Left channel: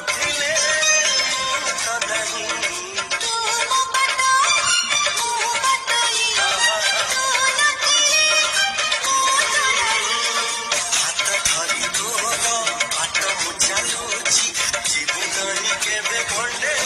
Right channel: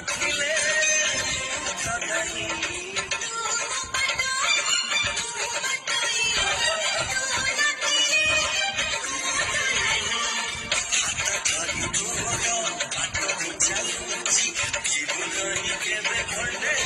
ନଥିଲେ ମୁଁ ତ ନାହିଁ। ହାତ ଧରି ତୋର ବାଟ ମୁଁ ଚାଲୁଛି ଯିବୁ ନାହିଁ କେବେ ଖଣ୍ଡେ